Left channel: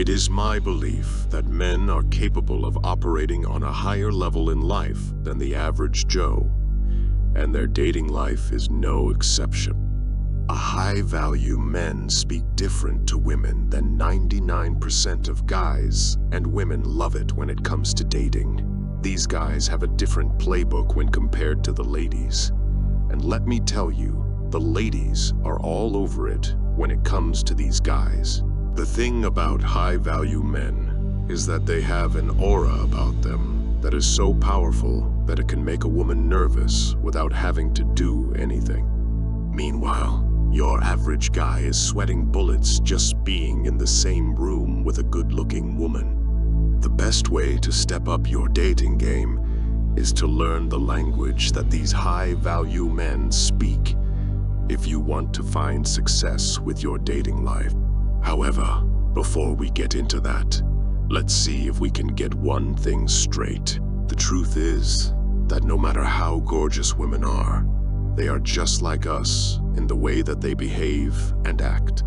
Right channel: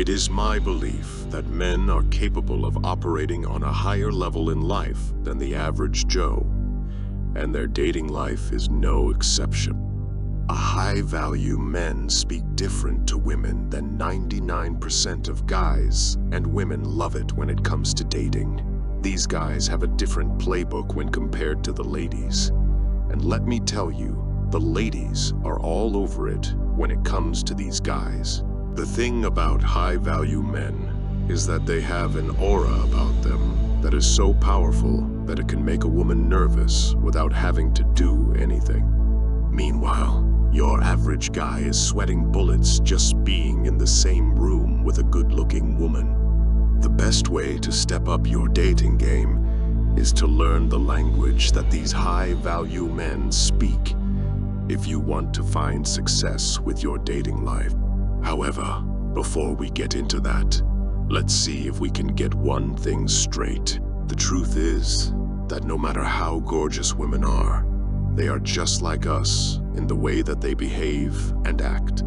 It is my belief that men are capable of operating on a higher level in life than the average Joe, and their dating life is no exception. A high-value men speak different to women than 99% of guys, and women love it when it comes to dating. These guys have a different playbook when compared to the ladies. And let me tell you, the ladies are all over it when it comes to these guys. The thing about high-value men is that they have an aura about them that is so powerful that it can make a woman nervous without having to do anything. Meanwhile, your average guy is sweating bullets just being in the same room with a good-looking woman. The best way to step up your dating game is to learn the language that these high-value men speak if you want to find success with your dating life. However, before we get into that, let's see if we can get one thing straight. The truth is that no matter how gorgeous women are, they are just like us in the way that they behave and act.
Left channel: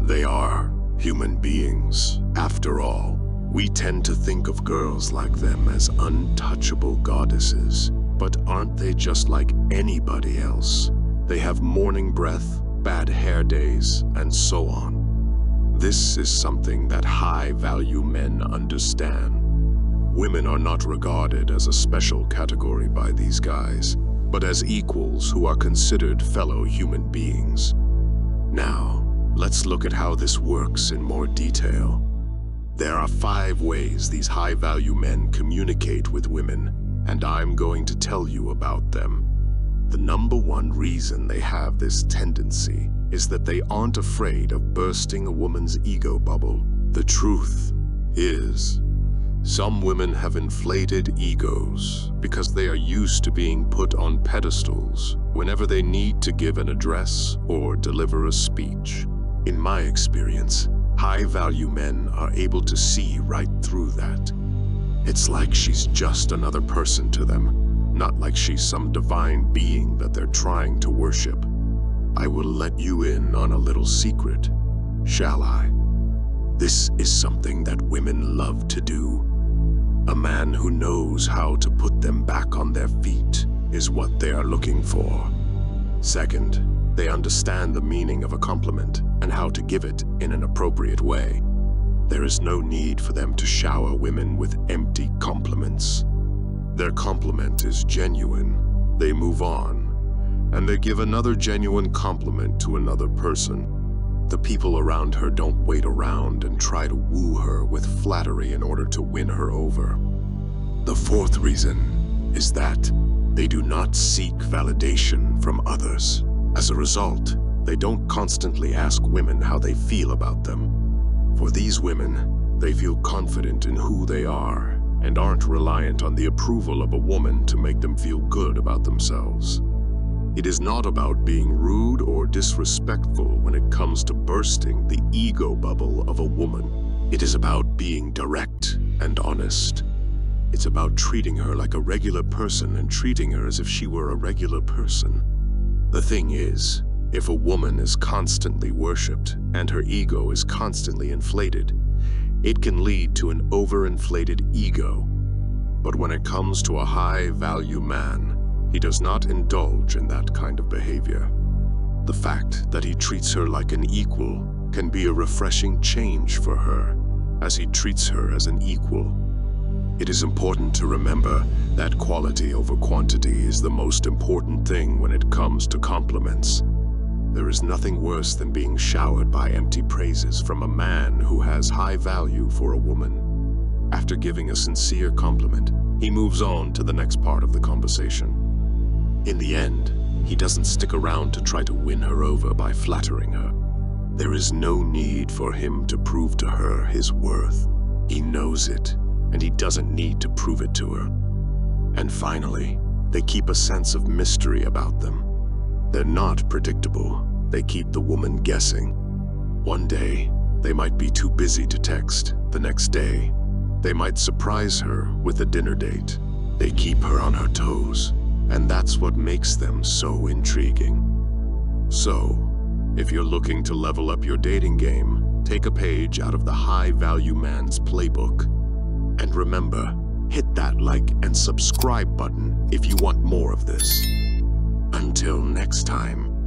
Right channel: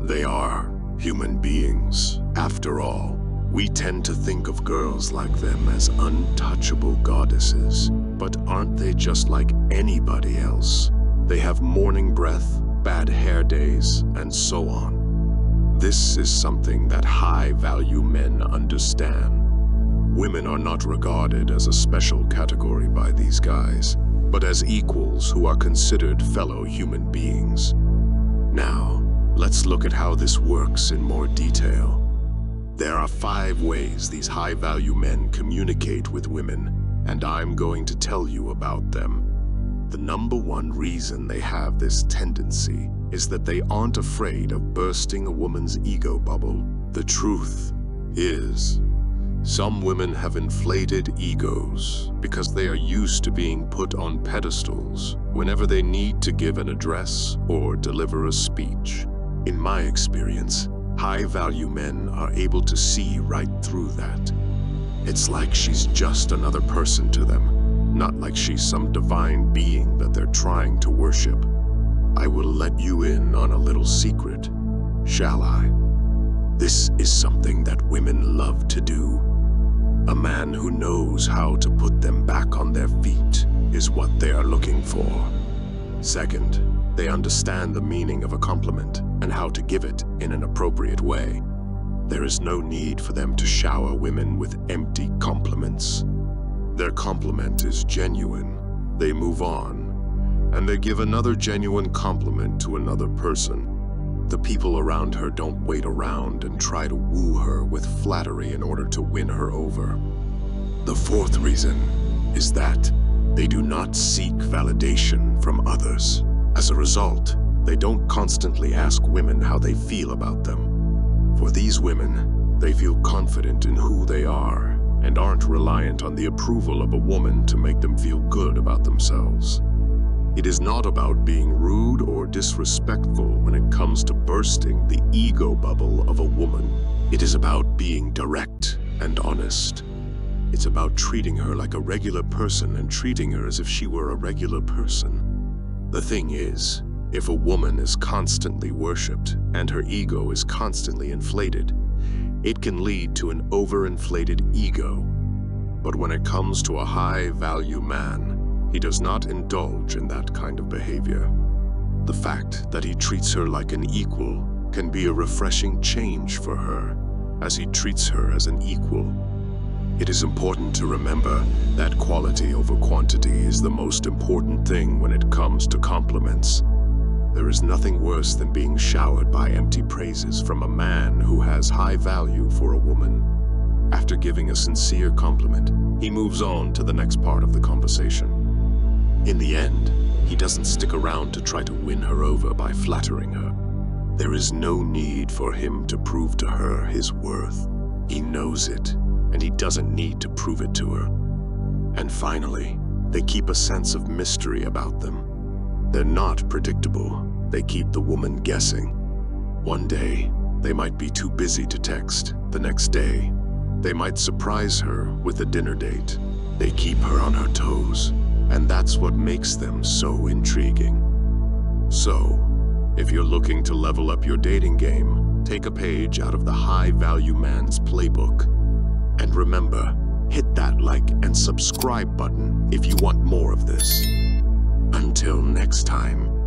They are human beings, after all. We tend to think of girls like them as untouchable goddesses, but aren't they just like anybody else? They have morning breath, bad hair days, and so on. This is something that high-value men understand. Women are not regarded as a special category by these guys, but as equals who are considered fellow human beings. Now, let's look at how this works in more detail. There are 5 ways these high-value men communicate with women, and I'm going to tell you about them. The number one reason they have this tendency is that they aren't afraid of bursting a woman's ego bubble. The truth is, some women have inflated egos because they are used to being put on pedestals whenever they need to give an address or deliver a speech. In my experience, high-value men are able to see right through that. It's like she's just another person to them, not like she's some divine being that they're trying to worship. I will let you in on a little secret, shall I? This is something that women love to do. A man who knows how to put them back on their feet is what they are looking for. Second, they understand the meaning of a compliment and how to give it in an appropriate way. There is no need for them to shower women with empty compliments. Their compliment is genuine. They move on, and they give another genuine compliment to another person. The people around her don't wait around and try to woo her with flattery in order to win her over. The fourth reason is that they do not seek validation from others. As a result, they don't constantly ask women how they feel about them. For these women, they feel confident in who they are and aren't reliant on the approval of a woman to make them feel good about themselves. It is not about being rude or disrespectful when it comes to bursting the ego bubble of a woman. It is about being direct and honest. It's about treating her like a regular person and treating her as if she were a regular person. The thing is, if a woman is constantly worshipped and her ego is constantly inflated, it can lead to an overinflated ego. But when it comes to a high-value man, he does not indulge in that kind of behavior. The fact that he treats her like an equal can be a refreshing change for her, as he treats her as an equal. It is important to remember that quality over quantity is the most important thing when it comes to compliments. There is nothing worse than being showered by empty praises from a man who has high value for a woman. After giving a sincere compliment, he moves on to the next part of the conversation. In the end, he doesn't stick around to try to win her over by flattering her. There is no need for him to prove to her his worth. He knows it, and he doesn't need to prove it to her. And finally, they keep a sense of mystery about them. They're not predictable. They keep the woman guessing. One day, they might be too busy to text. The next day, they might surprise her with a dinner date. They keep her on her toes. And that's what makes them so intriguing. So, if you're looking to level up your dating game, Take a page out of the high-value man's playbook. And remember, hit that like and subscribe button if you want more of this. Until next time.